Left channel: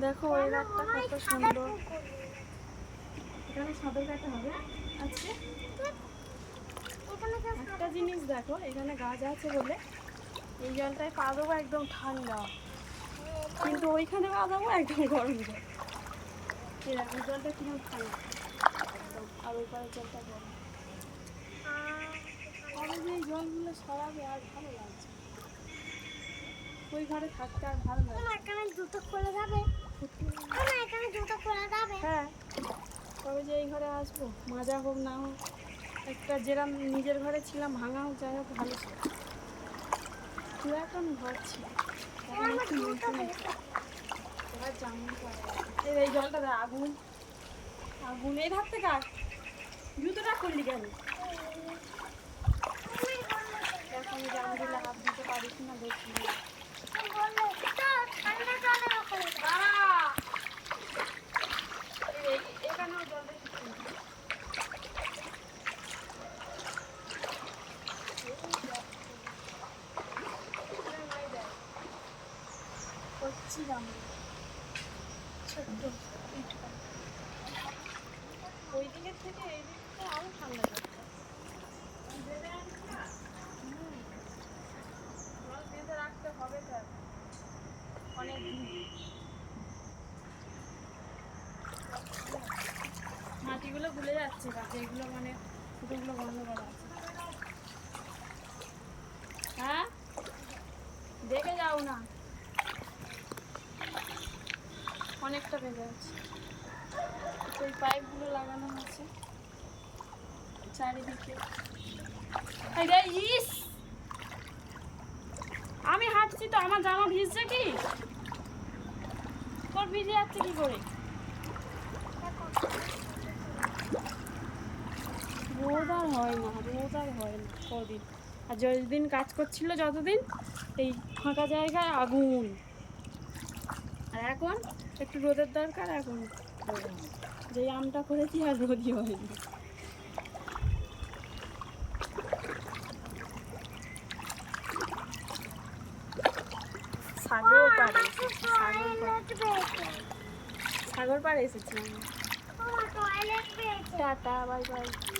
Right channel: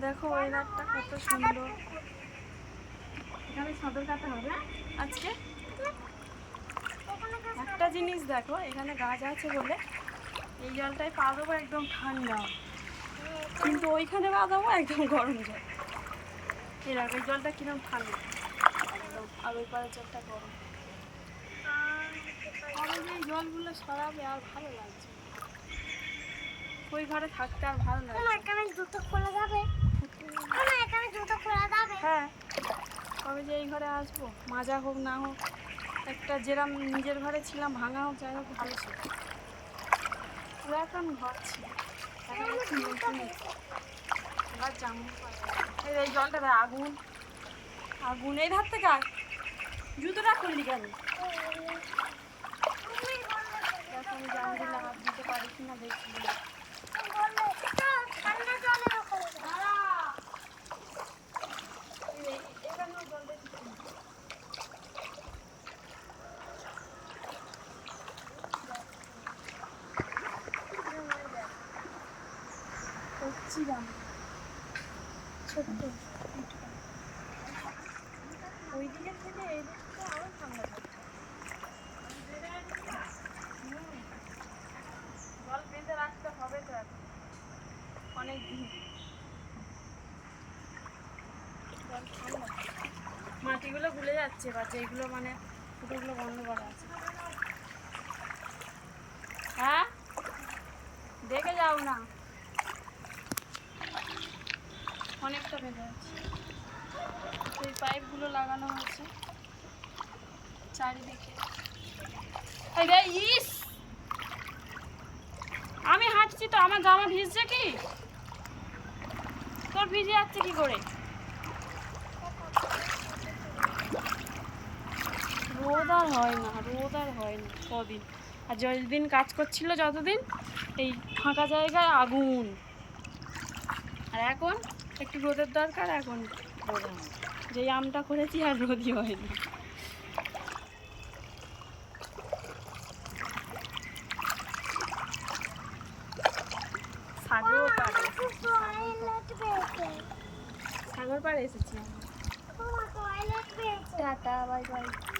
দেখো ওয়েদারটা কত সুন্দর। এখানে সাঁতার কাটা হবে আজকে। একটা জিনিস দেখো, এখানে গাছ আছে বলে এই জলটায় পা দেবো একদম ঠান্ডা, কিন্তু ওইখানে পা দেবো একদম গরম জল। এই দেখো এই জলটা কিরকম ঠান্ডা একদম, আর ওই পাড়ের জলটা গরম। তবে যে এই জলগুলো সরাবে আর ভালো লাগছে, ওই ঘরে থাকতে আর ভালো লাগছে। এখানে জুতো খোলা যাবে? এখানে জুতো খোলা যাবে? হ্যাঁ, তবে যে এই ঘরে আসবো, মাজা হোক না হোক, একটা যেরাম নিজের ঘরে ছিলাম ভাঙা হোক যাই হোক ভালো ছিল। পুরাতন ঘর ছিল, এখন একটু নতুন এবার জামুর পাড়ে। এই জলটা দেয় আগুন আগুন। এই ধার থেকে আয়, জুতোটা খুললি কেন? এখন জামগুলো হাত দিতে পারি কিনা দেখি। এখানেও জলটা কিছু নেই। কচ্ছি জাম ছোট্ট এইটুখানি, ওই দিকের থেকে এই দিকটা আরও ঠান্ডা যাচ্ছে। জল বেঁধে রাখতে হবে তো এখন অনেক দিন। জল ঠান্ডা, মাটিগুলো গুলে যাচ্ছে, বা যেগুলো মানে ফুটোগুলো বন্ধ করা আছে। হ্যাঁ, দেখে যাও না, অনেকটা বেঁধে আছে। সেই পাইপগুলো লাগানো হয়েছে চারিদিকে। ইস, আমি হাঁটছি তো, আমার জামা ভিজছে কি? তোর ভিজে যাচ্ছে কি করে? রোদ আর হয় না, রোদ আর হয় না কদিন। আর যতদিন কাজ করছিল যতদিন এই ফাঁকা জায়গায় আগুন, আর এখন একটু রোদের দরকার, এখন রোদ হয়। যেই আমটা করেছি আর রোদই হয় না। সাগর পাড়ে এসেছি, সাগর পাড়ে এসেছি আমি। Tata, bye bye.